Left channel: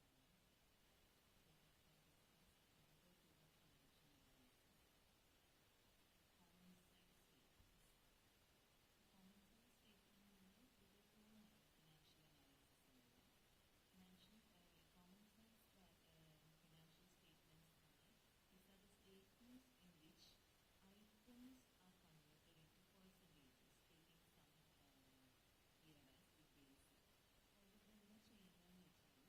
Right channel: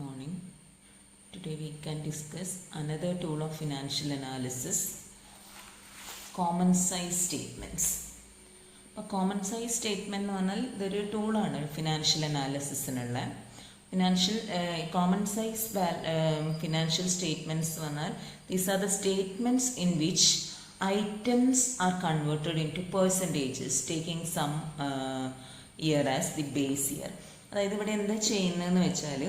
Morning. Today we can discuss another tool of financial analysis, common size statements. അപ്പോൾ common size statement എന്ന് പറഞ്ഞാൽ ഇതൊരു ടൂളാണ് financial അനാലിസിസിനുള്ള. കോമൺ സൈസ് ഫിനാൻഷ്യൽ സ്റ്റേറ്റ്മെൻറ്റ്സ് എന്ന് പറഞ്ഞാൽ these are the statements in which items are converted into percentages taking some year as the base year. അതായത് ഇവിടെ എന്താ ചെയ്യുന്നതെന്ന് വെച്ചാൽ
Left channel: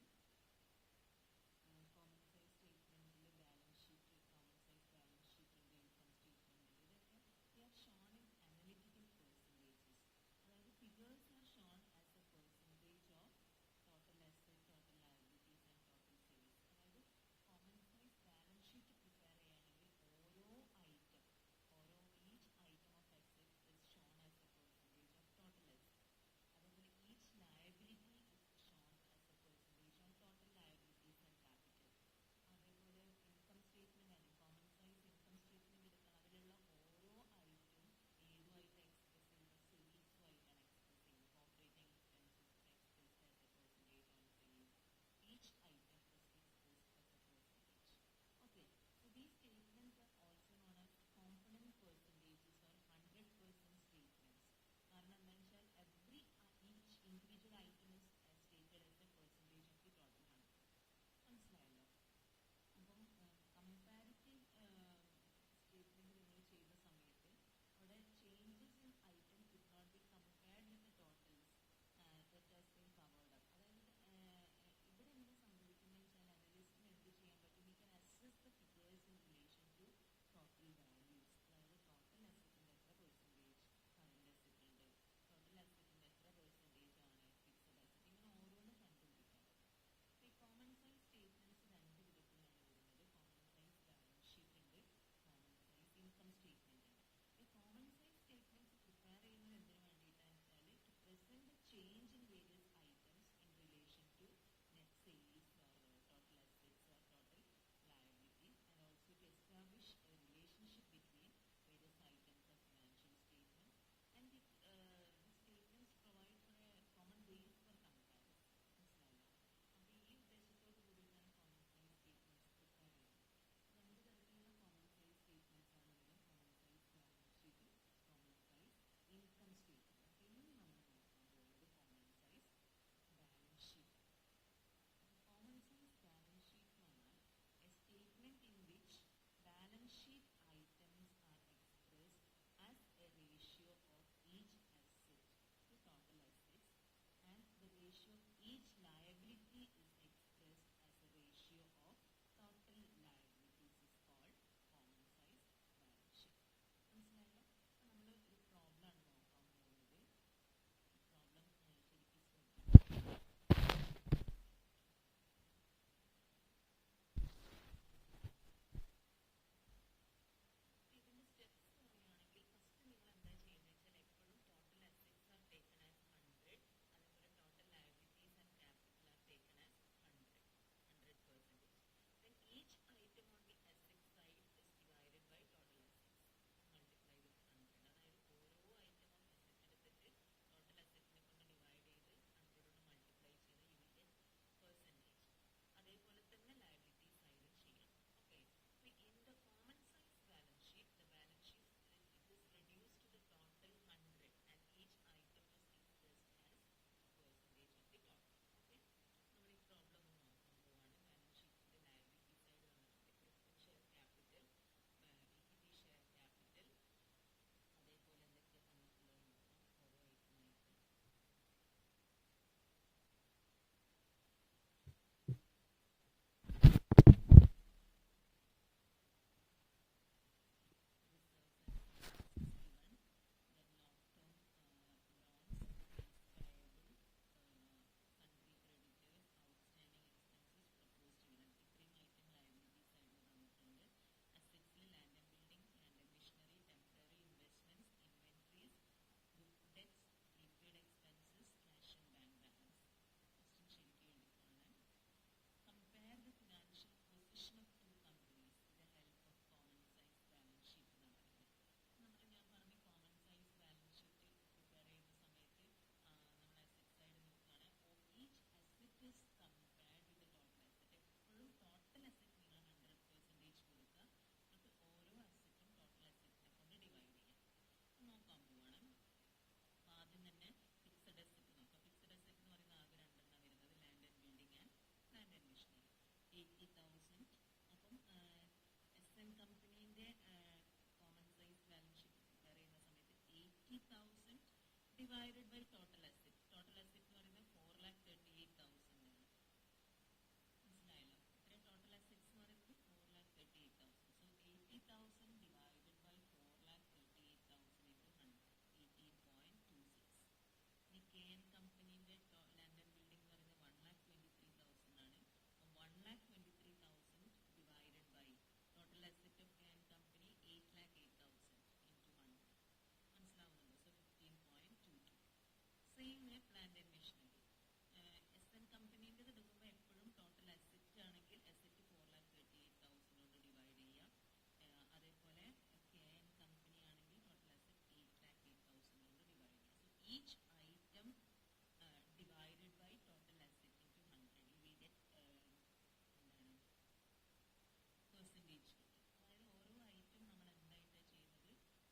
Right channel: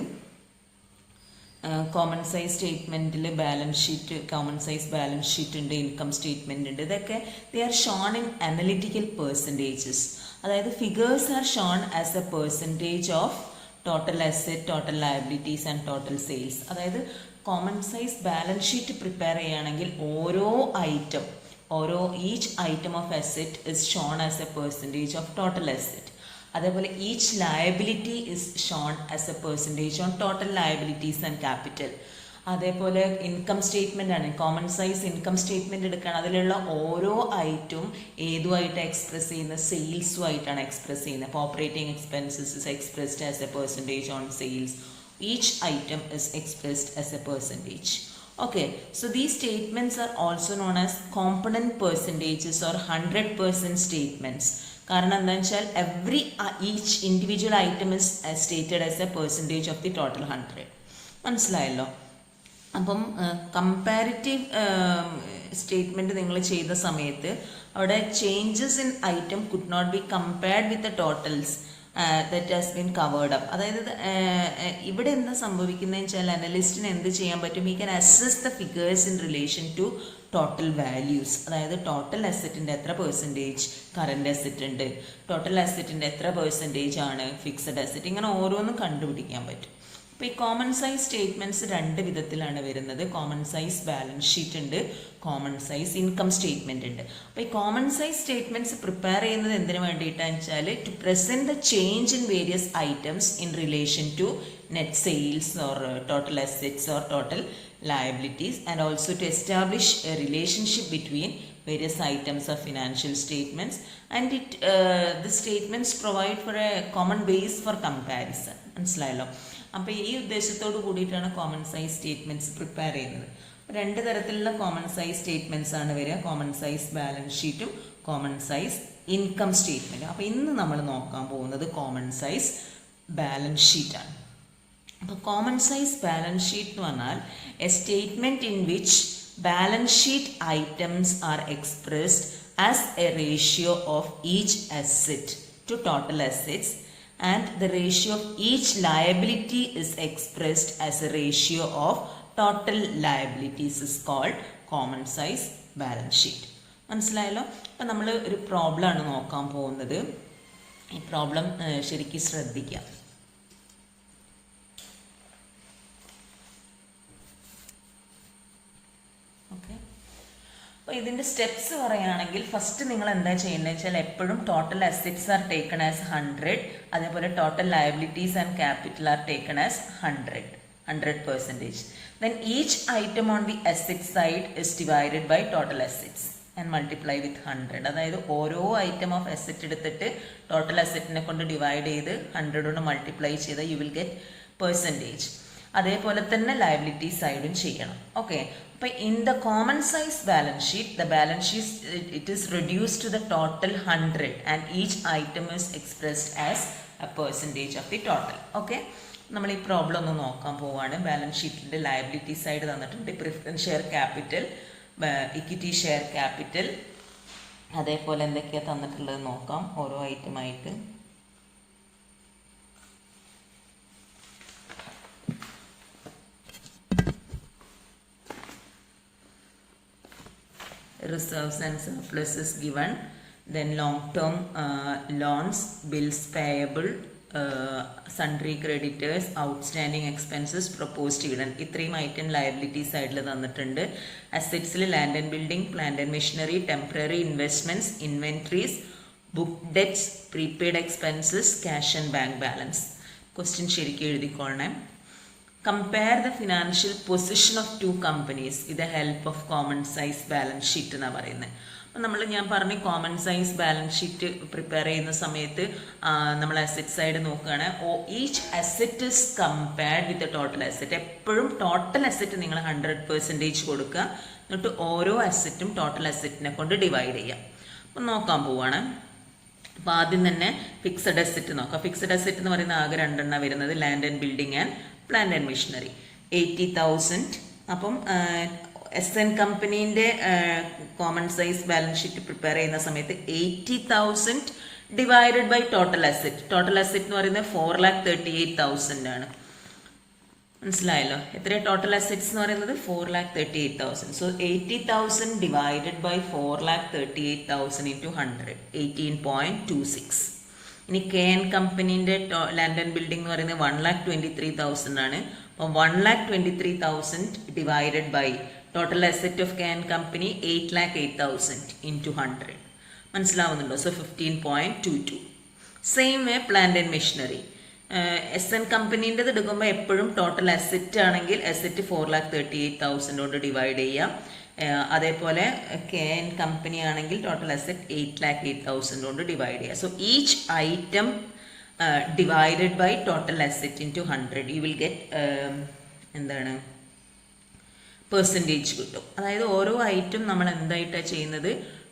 കോമൺ സൈസ് സ്റ്റേറ്റ്മെൻറ്റിൽ balance sheet, common size balance sheet ഉണ്ട്, ഇൻകം സ്റ്റേറ്റ്മെൻറ്റ് ഉണ്ട്. ഇതൊക്കെ they are shown in analytical percentages. അതായത് figures are shown as a percentage of total asset, total liabilities and total sales. അതായത് common size balance sheet prepare ചെയ്യുകയാണെങ്കിൽ each item of asset is shown as a percentage of total asset. അതേപോലെ each liability is shown as a percentage on total liabilities and capital. അതേപോലെ income statement ആണ്, common size income statement എടുക്കുകയാണ്. അതിലുള്ള ഓരോ ഐറ്റവും ഏതുമായിട്ട് express ചെയ്യുന്നത്, സെയിൽസുമായിട്ടാണ് express ചെയ്യുന്നത്. അപ്പോൾ operating expenses is expressed as a percentage on sales. Each item is expressed as a percentage. Okay, so these statements are also known as component percentages or 100% statements. കാരണം എന്താണെന്ന് വെച്ചാൽ each individual item is stated as a percentage of the total 100. മനസ്സിലായല്ലോ? അപ്പം comparative statement നിങ്ങൾ ചെയ്ത സമയത്ത് അവിടെ changes in item could not be compared with the totals that has been covered up. അതായത് ഇവിടെ എന്താ സംഭവിക്കുന്നതെന്ന് വെച്ചാൽ അനലിസ്റ്റിന് എന്ത് ചെയ്യാൻ പറ്റും? He can assess the figures in relation to total values. അതായത് ടോട്ടൽ അസറ്റിൻ്റെ എത്ര പെർസെൻറ്റേജ് കറൻറ്റ് അസറ്റ് ഉണ്ട്, ടോട്ടൽ അസറ്റിൻ്റെ എത്ര പെർസെൻറ്റേജ് ആണ് ഫിക്സഡ് അസറ്റ്, ഇങ്ങനെ ഓരോന്നും കണ്ടുപിടിക്കാൻ പറ്റും. അപ്പോൾ ഈ കോമൺ സൈസ് സ്റ്റേറ്റ്മെൻറ്റ്സ് രണ്ട് വിധത്തിലാണ് വരുന്നത്. കോമൺ സൈസ് ബാലൻസ് ഷീറ്റ് ഉണ്ട്, കോമൺ സൈസ് ഇൻകം സ്റ്റേറ്റ്മെൻറ്റ് ഉണ്ട്. അപ്പോൾ ഈ കോമൺ സൈസ് സ്റ്റേറ്റ്മെൻറ്റ്സ് പ്രിപ്പയർ ചെയ്യുന്നത് എന്തിനു വേണ്ടിയിട്ടാണെന്ന് വെച്ചാൽ to present the change in various items in relation to net sales or total assets or total liabilities and also to establish a relationship between various items of financial statements and the statements provide for a common base for comparison. മനസ്സിലായല്ലോ? അപ്പോൾ ഈ ഉദ്ദേശത്തോട് കൂടിയിട്ടാണ് common size statements prepare ചെയ്യുന്നത്. രണ്ട് തരത്തിലുള്ള common size statements ആണ് വരിക, common size balance ഷീറ്റും കോമൺ സൈസ് ഇൻകം സ്റ്റേറ്റ്മെൻറ്റും. അപ്പോൾ ഇന്ന് നമ്മൾ നോക്കാൻ പോകുന്നത് കോമൺ സൈസ് ബാലൻസ് ഷീറ്റാണ്. അപ്പോൾ കോമൺ സൈസ് ബാലൻസ് ഷീറ്റ് എന്ന് പറഞ്ഞാൽ a statement in which balance sheet items are expressed as a ratio of each asset to total assets and the ratio of each liability is expressed as a ratio of total liabilities is called common size balance sheet. മനസ്സിലായല്ലോ? അപ്പം നമ്മൾ ഒരു problem ആണ് നോക്കാൻ പോകുന്നത്. ഈ problem ശരിക്കും ശ്രദ്ധിക്കാം. അപ്പോൾ ഇതിൻ്റെ സ്റ്റെപ്സ് പറയുകയാണെങ്കിൽ ഫസ്റ്റ് നിങ്ങൾ എന്താ ചെയ്യേണ്ടത് വെച്ചാൽ എപ്പോഴും total assets are taken as 100, അതേപോലെ total liabilities and capital are taken as 100%. Then each item on the asset side is divided by total assets and multiply with 100. അതായത് ഓരോ ഐറ്റം ഓഫ് അസെറ്റ് എടുത്തിട്ട് total അസെറ്റിനെ കൊണ്ട് divide ചെയ്ത് 100 കൊണ്ട് multiply ചെയ്താൽ U will get percentage. അതേപോലെ തന്നെ liability സൈഡും ചെയ്യണം. ഓക്കെ, അപ്പോൾ in the common size balance sheet the balance sheet it is reduced to the total 100 and each item is expressed as a percentage of the total. Okay, നമ്മൾ ഈ problem ഒന്ന് നോക്കാൻ പോവുകയാണ്. ബാലൻസ് ഷീറ്റിൻ്റെ ലയബിലിറ്റി സൈഡ് തന്നിട്ടുണ്ട്, preference share capital, equity share capital, അതേപോലെ എന്തൊക്കെയാണ് തന്നിട്ടുള്ളത് നോക്കാം ഓരോ ഐറ്റമായിട്ട്. Reserves and surplus is given, then long-term loans, bills payable, sundry creditors, outstanding expenses, proposed dividend. ഇത്രയും ഐറ്റം ലയബിലിറ്റി സൈഡിൽ തന്നിട്ടുണ്ട്. അസെറ്റ്സിൽ land and building, plant and machinery, temporary investments, inventories, book debts, prepaid expenses, cash and bank balance. Question ശരിക്കും എഴുതിക്കൊള്ളണം. Compare the financial position of two companies with the help of common size balance sheet എന്നാണ് പറയുന്നത്. ഞാൻ പറഞ്ഞു common size balance sheet prepare ചെയ്യുന്ന സമയത്ത് നമ്മൾ asset side നോക്കുകയാണ്. Each asset is compared with total asset. എപ്പോഴും ടോട്ടൽ അസറ്റ് നിങ്ങൾ 100% കൊടുക്കുക, എന്നിട്ട് ഓരോ അസറ്റും ടോട്ടൽ അസറ്റിനെ കൊണ്ട് ഡിവൈഡ് ചെയ്യാം. അപ്പം നോക്കാൻ പോവാണ്. അപ്പോൾ ആദ്യം തന്നെ ഫിക്സഡ് അസറ്റ് നോക്കാം. ഫിക്സഡ് അസറ്റ് എന്ന് പറയുന്ന ആകെ 2 വരുന്നത് land and building and plant and machinery. 80,000. അപ്പം SN കമ്പനീൻ്റെ common size balance sheet prepare ചെയ്യുന്ന സമയത്ത് 80,000 divided by total asset. Total asset എന്ന് പറയുന്നത് 4,38,000 ആണ്. മനസ്സിലായല്ലോ? എത്രയാണ് ടോട്ടൽ അസറ്റ്സ് എന്ന് പറയുന്നത്? 4,38,000. So 80,000 divided by 4,38,000 into 100, 18.26. ഇനി KN കമ്പനീൻ്റെ ലാൻഡ് ആൻഡ് ബിൽഡിംഗ് എന്ന് പറയുന്നത് 1,23,000 ആണ്. അപ്പോൾ 1,23,000 divided by total asset of KN company 8,08,000 into 100. മനസ്സിലാവുന്നുണ്ടോ? So 15.22. Same way plant and machinery. SN കമ്പനീൻ്റെത് എടുക്കുമ്പോൾ എപ്പോഴും ടോട്ടൽ അസറ്റ് ആണെങ്കിൽ അസറ്റ് 4,38,000 കൊണ്ട് ഡിവൈഡ് ചെയ്യാം. അതേപോലെ KN കമ്പനി ആണെങ്കിൽ ടോട്ടൽ അസറ്റ് 8,08,000 കൊണ്ട് ഡിവൈഡ് ചെയ്യാം. So each item divided by total asset into 100, you will get എന്താണ് പെർസെൻറ്റേജ് കിട്ടും. അതായത് ഓരോ ഐറ്റം നമ്മൾ എന്തായിട്ടാണ് ചെയ്യുന്നത്?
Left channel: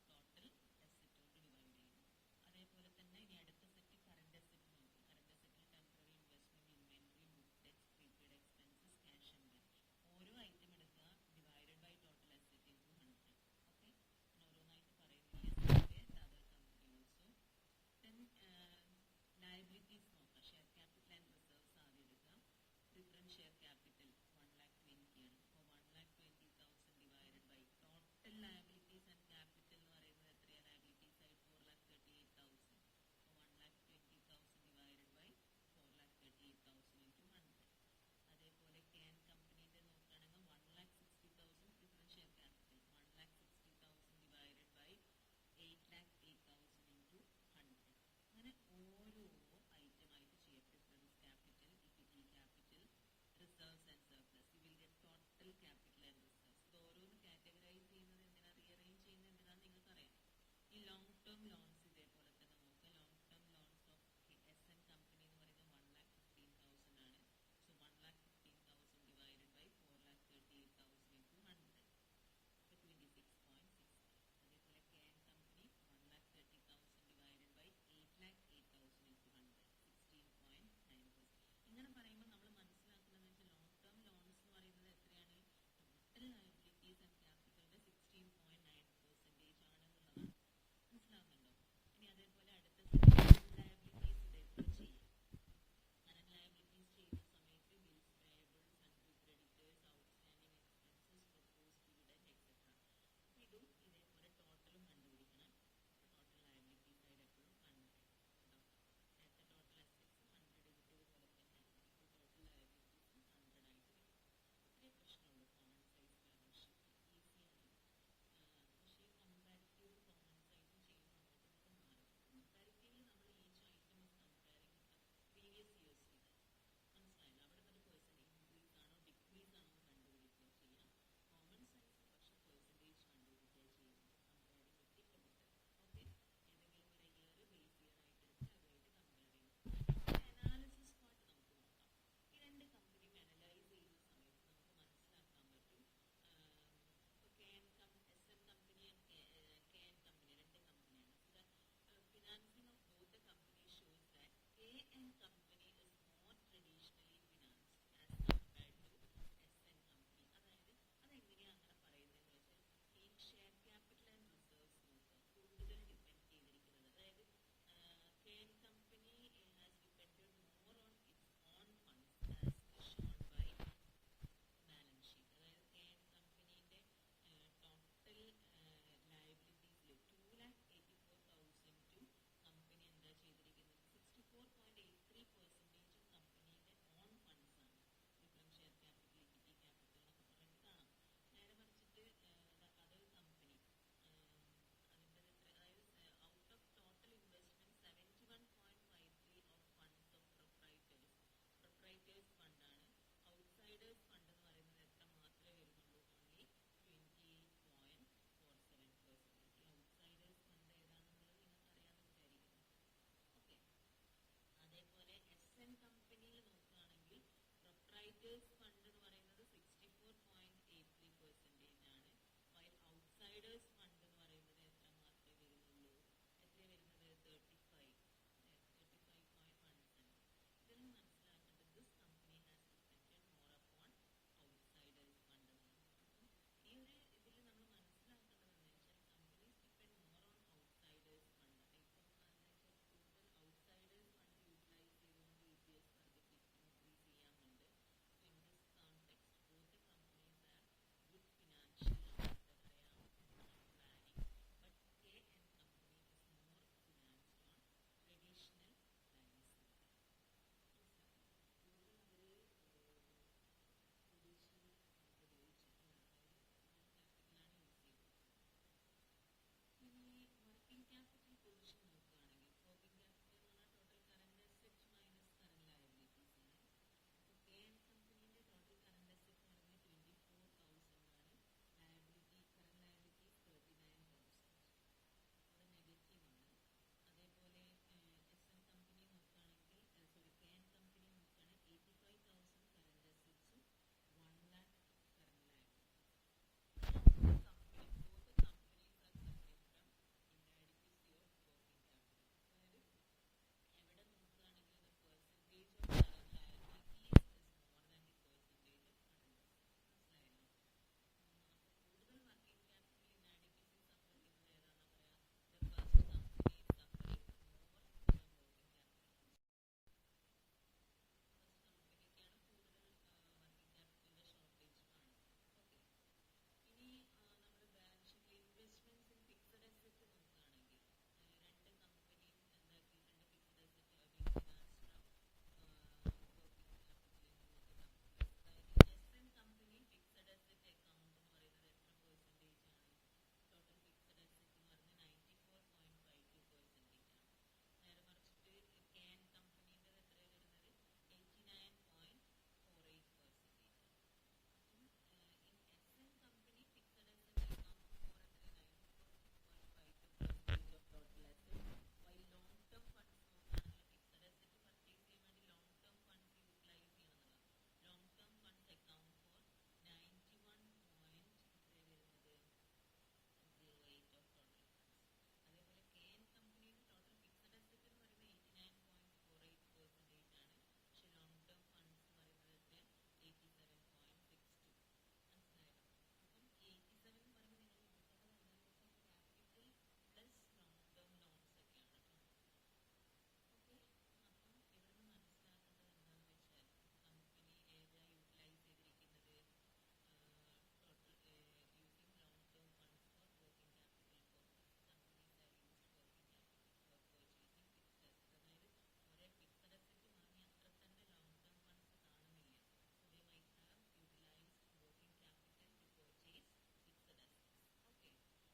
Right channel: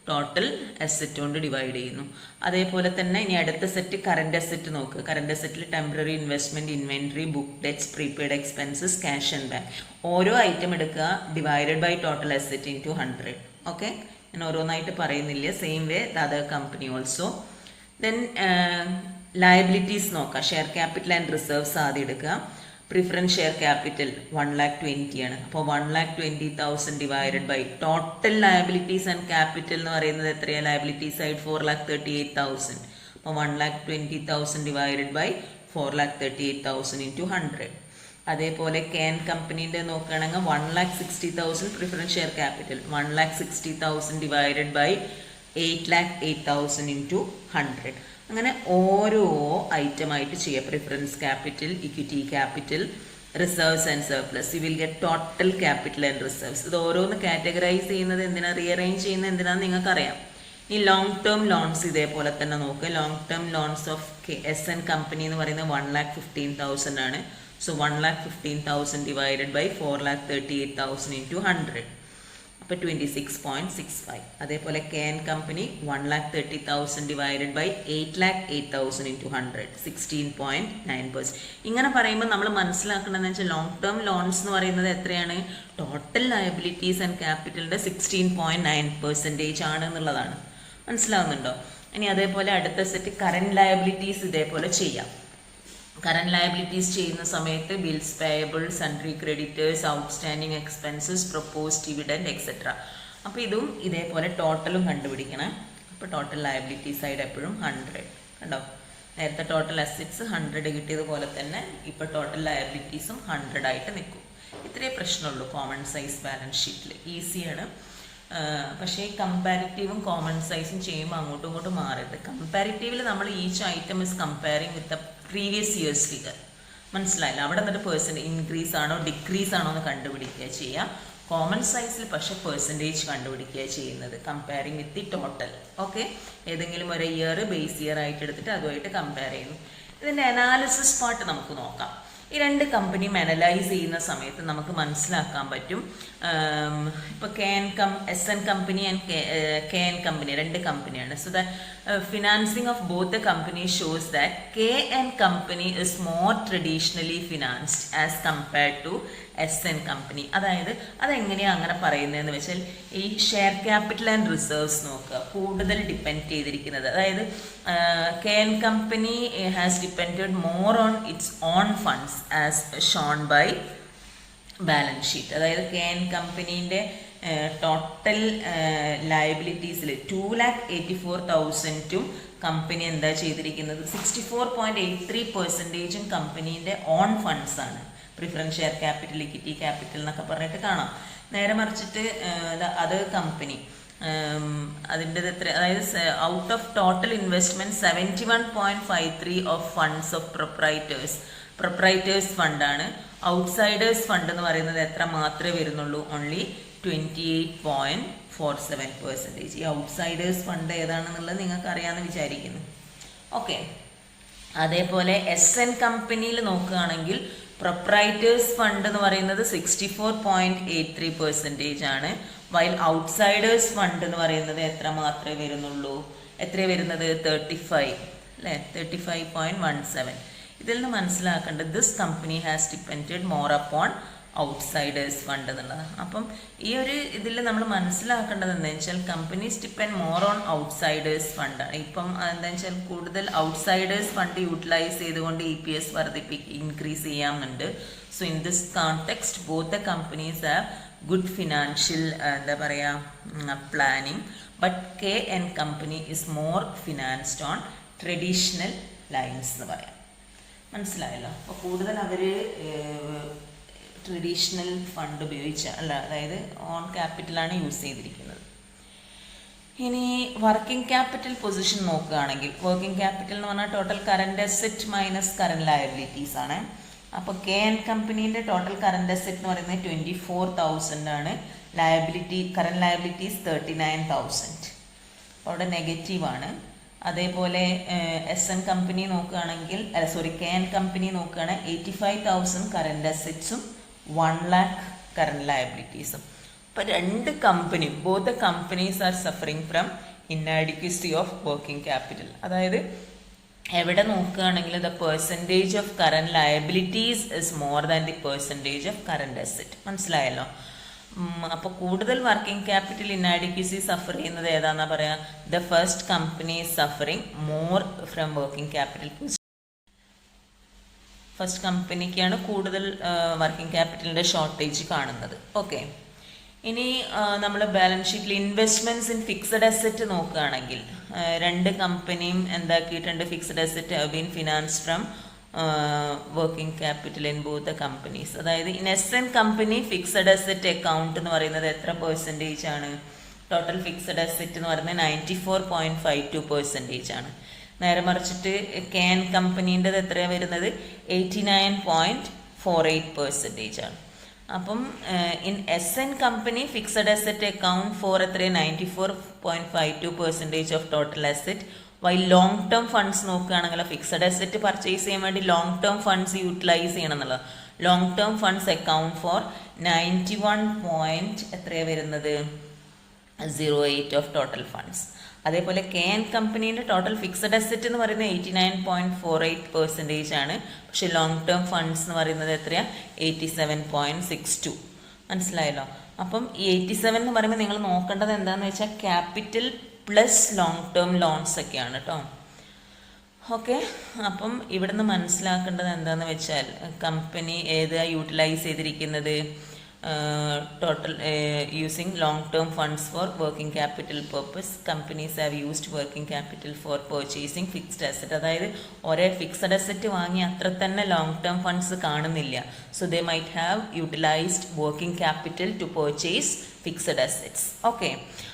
ടോട്ടൽ അസറ്റ് കൊണ്ട് ഡിവൈഡ് ചെയ്യുന്നു. അതേപോലെ തന്നെ ഇനി അടുത്ത സെറ്റ് കറണ്ട് അസറ്റ് നോക്കുക. കറണ്ട് അസറ്റിൽ temporary investment, inventory, book debts, prepaid expenses, cash and bank. ഓരോ ഐറ്റം എടുക്കുക, divided by total asset into 100. Okay, ഞാൻ ഓരോന്നായിട്ട് പറയുന്നില്ല. Same way the other company also. Then liabilities നോക്കാം. ഷെയർ ക്യാപിറ്റൽ ആൻഡ് റിസർവ്സ് ആദ്യം എടുക്കുക. പ്രിഫറൻസ് ഷെയർ ക്യാപിറ്റൽ 1,20,000 ആണ്. അപ്പോൾ 1,20,000 divided by total liabilities and capital എന്ന് പറയുന്നത് എത്രയാണ്? ലയബിലിറ്റീസ് ആയിട്ട് 4,38,000. അപ്പോൾ 1,20,000 ഡിവൈഡഡ് ബൈ 4,38,000 ഇൻറ്റു 100. അതേപോലെ KN കമ്പനീൻ്റെ നോക്കുകയാണെങ്കിൽ 1,60,000 preference share capital, 1,60,000 divided by 8,08,000 into 100. അങ്ങനെ ഓരോ ഐറ്റമായിട്ട് ചെയ്യുക. Preference capital, equity capital, reserves and surplus. You will get total capital and reserves. ഇത് ഓരോന്ന് കാറ്റഗറൈസ് ചെയ്യുന്നത് എന്തിനാ, റീഅറേഞ്ച് ചെയ്യുന്നത് എന്തിനാന്ന് നിങ്ങൾക്കറിയാം. ഈ ലോങ് ടേം ലോൺസ് ഇതേപോലെ തന്നെ നോക്കുക. Long term loans of SN company എന്ന് പറയുന്നത് 1,15,000 ആണ്. So 1,15,000 divided by 4,38,000 into 100. അപ്പോൾ 26.65. അതേപോലെ KN company 1,30,000 divided by 8,08,000 into 100, 16.9%. ഇങ്ങനെ പറയുമ്പോൾ നമ്മൾ മനസ്സിലാക്കണമെന്ന് വെച്ചാൽ ലോങ് ടേം ലോൺസ് എന്ന് പറയുന്നത് എത്രയാണ്? ടോട്ടൽ ലയബിലിറ്റീസ് ആൻഡ് ക്യാപിറ്റലിൻ്റെ 16.9% ആണ് എന്നുള്ളതാണ്. മനസ്സിലാവുന്നുണ്ടോ? ഇനി അതേപോലെ അടുത്ത സെറ്റ് കറന്റ് ലയബിലിറ്റീസ് ഇതേപോലെ ചെയ്യാം. കറന്റ് ലയബിലിറ്റീസ് ചെയ്യുന്ന സമയത്ത് bills payable, sundry creditors, outstanding expenses, propose dividend etcetera. അപ്പോൾ ഇതും ഇതേപോലെ ടോട്ടലും കണ്ടുപിടിക്കണം. അപ്പോൾ ടോട്ടൽ ലയബിലിറ്റി സൈഡ് എപ്പോഴും 100. കണ്ടോ, നേരത്തെ ടോട്ടൽ അസറ്റ്സ് 100 കിട്ടിയതുപോലെ തന്നെ ഇപ്പോൾ ടോട്ടൽ ലയബിലിറ്റീസും 100 ആയിട്ട് നിൽക്കും. ഇത്രയേ പ്രശ്നമുള്ളൂ കോമൺ സൈസ് ബാലൻസ് ഷീറ്റിൽ. ഈസിയാണ്. പക്ഷേ ഈ കമ്പാരിറ്റീവും കോമൺ സൈസും ചെയ്യുമ്പോൾ അങ്ങോട്ടും ഇങ്ങോട്ടും മാറരുത്. കമ്പാരിറ്റീവിൽ നമ്മൾ each item is comparing with the previous years figure. മനസ്സിലായില്ല? അവിടെ നിന്നിട്ട് പെർസെൻറ്റേജ് ഇൻക്രീസ് ആണോ ഡിക്രീസ് ആണോ എന്ന് കണ്ടുപിടിക്കുക ചെയ്യുക. കോമൺ സൈസിൽ പക്ഷെ പെർസെൻറ്റേജ് കണ്ടുപിടിക്കുക ചെയ്യുന്നത്, comparing with the total. Okay, ഏതെങ്കിലും ഒരു ഇയർ ബേസ് ഇയർ ആയിട്ട് എടുത്തിട്ട് അതുമായിട്ട് കമ്പയർ ചെയ്യുന്നു. ഇതിൻ്റെ അനാലിസിസ് പാർട്ട് നമുക്ക് നോക്കാം. ഈ രണ്ട് കമ്പനിയും അനലൈസ് ചെയ്യുന്ന സമയത്ത് നമുക്ക് മനസ്സിലാക്കാൻ പറ്റും. ഇപ്പോൾ SN company and KN company രണ്ട് കമ്പനിയാണ്. So the financing of both the company shows that KN company is more traditionally financed as compared to SN company. അതായത് അതെങ്ങനെയാണ് അങ്ങനെ പറയുന്നതെന്ന് വെച്ചാൽ ഈ ഷെയർ ക്യാപിറ്റൽ ആൻഡ് റിസർവ്സ് നോക്കുക, കൂടുതൽ ഡിപ്പെൻഡ് ചെയ്തിരിക്കുന്നത്. അതായത് KN company has depended more on its own funds as shown by balance sheet. അതായത് KN കമ്പനീൻ്റെ ടോട്ടൽ ലയബിലിറ്റീസിൽ 2,84,000 കമ്പനി എന്താ ചെയ്തിരിക്കുന്നത്, 64.83% കമ്പനീൻ്റെ ഓൺ ഫണ്ട്സ് ആണ്. Preference share capital, equity capital എന്നൊക്കെ പറഞ്ഞിട്ട് കാണാം. നേരെ മറിച്ചിട്ട് അത് കമ്പനി അതിൻ്റെ എത്ര, അതായത് out of total investment 71.53 of funds of proprietors ഫണ്ടാണ്. ഔട്ട്സൈഡേഴ്സ് ഫണ്ട് എന്ന് പറയുന്നത് എത്ര മാത്രമേ വരുന്നുള്ളൂ, ഓൺലി 28.47%. ഈ ഔട്ട്സൈഡേഴ്സ് ഫണ്ട് ഏതാണെന്നുള്ളത് നിങ്ങൾക്ക് അറിയാമെന്ന് വിചാരിക്കുന്നു. ഓക്കെ, അതേപോലെ SN കമ്പനിയിൽ നോക്കുകയാണെങ്കിൽ പ്രൊപ്രൈറ്റേഴ്സ് ഫണ്ട് എന്ന് പറയുന്നത് 64.83% ആണ്. വൈൽ ഔട്ട്സൈഡേഴ്സ് ഫണ്ട് എന്ന് പറയുന്നത് എത്ര മാത്രമേ വരുന്നുള്ളൂ? എത്രയാണ് വരുന്നത്? 35 അല്ലേ, 35.17. ഇതിൽ നിന്ന് മനസ്സിലാക്കേണ്ടത് this company has depended more upon outsiders fund എന്നുള്ളത്. അപ്പം ഈ ഒരു ഇതിൽ നമ്മൾ മനസ്സിലാക്കേണ്ടത് എന്താണെന്ന് വെച്ചാൽ companies depend more on outsiders ഫണ്ടാണ്. ഇപ്പം എന്താണെന്ന് വെച്ചാൽ കൂടുതൽ ഔട്ട്സൈഡേഴ്സ് ഫണ്ട് യൂട്ടിലൈസ് ചെയ്തുകൊണ്ട് EPS ഇൻക്രീസ് ചെയ്യാമെന്നുണ്ട്. So in this context both the companies have good financial എന്താ പറയുക planning, but KN company is more financed on traditional lines എന്ന് പറയാം. മനസ്സിലായല്ലോ? അപ്പോൾ കൂടുതൽ അവർ ട്രഡീഷണൽ ഫണ്ട് അതായത് ഓൺ ക്യാപിറ്റലാണ് യൂസ് ചെയ്തിരിക്കുന്നത്. ഇനി വർക്കിംഗ് ക്യാപിറ്റൽ പൊസിഷൻ നോക്കുകയാണെങ്കിൽ വർക്കിംഗ് ക്യാപിറ്റൽ എന്ന് പറഞ്ഞാൽ total current asset minus current liabilities ആണ്. അപ്പോൾ KN കമ്പനീൻ്റെ ടോട്ടൽ കറണ്ട് അസെറ്റ് എന്ന് പറയുന്നത് 24,000 ആണ്. Current liabilities 39,000. അപ്പോൾ അവിടെ നെഗറ്റീവാണ്. അതേപോലെ SN കമ്പനി നോക്കുകയാണെങ്കിൽ KN കമ്പനി നോക്കുകയാണെങ്കിൽ 85,000 കറണ്ട് അസെറ്റ്സും 1 lakh കറണ്ട് ലയബിലിറ്റീസും. അപ്പോൾ രണ്ട് company both the companies are suffering from inadequacy of working capital. അതായത് എവിടെ നോക്കുകയാണെങ്കിൽ the percentage of current liabilities is more than the percentage of current asset. മനസ്സിലായല്ലോ? അപ്പോൾ കൂടുതൽ വർക്കിംഗ് ക്യാപിറ്റൽ ഇന്നാഡിക്വസി സഫർ ചെയ്യുന്നത് ഏതാണെന്നാ പറയുക? The first company is suffering more from working capital. First കമ്പനിക്കാണ് കൂടുതൽ വർക്കിംഗ് ക്യാപിറ്റലിൻ്റെ ഷോർട്ടേജ് കാണുന്നത്. ഓക്കെ, ഇനി നമ്മൾ ബാലൻസ് ഷീറ്റിൽ ഇൻവെസ്റ്റ്മെൻറ്റ്സ് ഇൻ ഫിക്സഡ് അസെറ്റ് നോക്കുകയാണെങ്കിൽ രണ്ട് കമ്പനിയും എന്താക്കിയിട്ടുണ്ട്? Fixed asset have been finance from working capital in both the companies. അതായത് in SN company fixed asset account എന്ന് പറയുന്നത് എത്ര പെർസെൻറ്റേജ് ആണ്? ടോട്ടൽ ഫിക്സഡ് അസെറ്റ് എന്ന് പറയുന്നത് 94.52% ആണ്. നേരെ മറിച്ചിട്ട് KN കമ്പനീൻ്റെത് എത്രയാണ് വരുന്നത്? 89.48% ആണ്. അപ്പം in SN company fixed asset account for എത്രയാണ്? 94.52% of total asset. Why long term funds നോക്കുകയാണെങ്കിൽ ഫിക്സഡ് അസെറ്റ് പർച്ചേസ് ചെയ്യാൻ വേണ്ടി ലോങ് ടേം ഫണ്ട്സ് യൂട്ടിലൈസ് ചെയ്യണം എന്നുള്ളത്. Long term funds account for 91. എത്രയാണ് വരുന്നത്? 08 ഓഫ് ടോട്ടൽ ഫണ്ട്സ്. അതേപോലെ KN കമ്പനീൻ്റെ ടോട്ടൽ ഫിക്സഡ് അസെറ്റ് എന്ന് പറയുന്നത് 89.48% ആണ്. പക്ഷേ ലോങ് ടേം ഫണ്ട്സ് എന്ന് പറയുന്നത് എത്രയാണ്? 87.62. മനസ്സിലായല്ലോ? അപ്പം ഈ 87 എന്ന് പറയുമ്പോൾ നിങ്ങൾ നോക്കേണ്ടത് എന്താണെന്ന് വെച്ചാൽ capital plus long term loans ഒക്കെയാണ് കേട്ടോ. ഓക്കെ, അപ്പം ഇവിടുന്ന് മനസ്സിലാക്കേണ്ടത് എന്താണെന്ന് വെച്ചാൽ കമ്പനി ഏതാണ് യൂട്ടിലൈസ് ചെയ്തിരിക്കുന്നത്? total using long-term funds for working capital purpose. Companies have used working capital for purchasing fixed asset. അതായത് ഒരേ ഫിക്സഡ് അസെറ്റ് വാങ്ങി അത്ര തന്നെ ലോങ് ടേം ഫണ്ട്സ് കാണുന്നില്ല. So they might have utilised working capital to purchase fixed assets. Okay,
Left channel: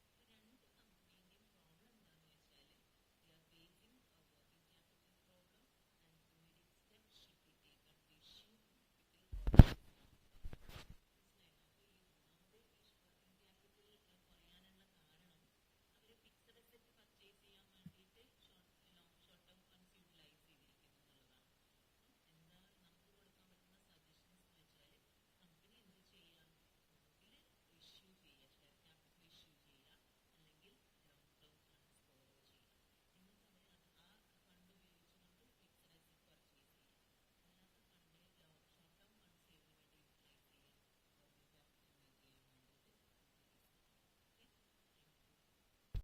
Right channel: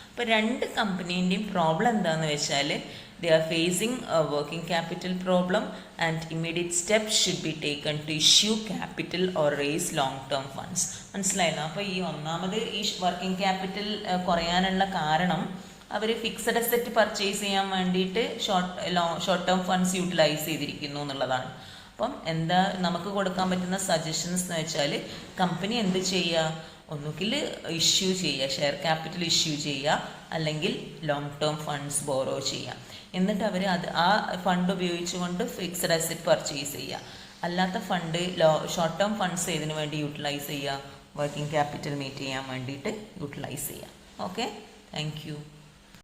അപ്പോൾ രണ്ട് കമ്പനീൻ്റെയും problem എന്താണെന്ന് വെച്ചാൽ they are facing a working capital problem and immediate steps should be taken to issue capital or raise long term funds. മനസ്സിലായല്ലോ? അപ്പോൾ ഈ ഒന്നാമത് ഈ working capital കുറയാനുള്ള കാരണം അവർ ഫിക്സഡ് അസെറ്റ് പർച്ചേസ് ചെയ്യാൻ വേണ്ടിയിട്ട് ഷോർട്ട് ടേം ഫണ്ട്സ് യൂട്ടിലൈസ് ചെയ്തിരിക്കുന്നു എന്നുള്ളതാണ്. അപ്പം എന്താ നമുക്ക് കൊടുക്കാൻ പറ്റുന്ന സജഷൻസ് എന്ന് വെച്ചാൽ കമ്പനി എന്ത് ചെയ്യുക? ഒന്നുകിൽ ഇഷ്യൂ ചെയ്യുക, ഷെയർ ക്യാപിറ്റൽ ഇഷ്യൂ ചെയ്യുക, അല്ലെങ്കിൽ ലോങ് ടേം ഫണ്ട്സ് ബോറോ ചെയ്യുക. എന്നിട്ട് അവർ ആ ഫണ്ട് ഉപയോഗിച്ചുകൊണ്ട് ഫിക്സഡ് അസെറ്റ് പർച്ചേസ് ചെയ്യുക. അല്ലാത്ത ഫണ്ട് ഷോർട്ട് ടേം ഫണ്ട്സ് ഇതിനു വേണ്ടി യൂട്ടിലൈസ് ചെയ്യുക, വർക്കിംഗ് ക്യാപിറ്റൽ മീറ്റ് ചെയ്യാൻ വേണ്ടിയിട്ട് യൂട്ടിലൈസ് ചെയ്യുക. Okay, thank you.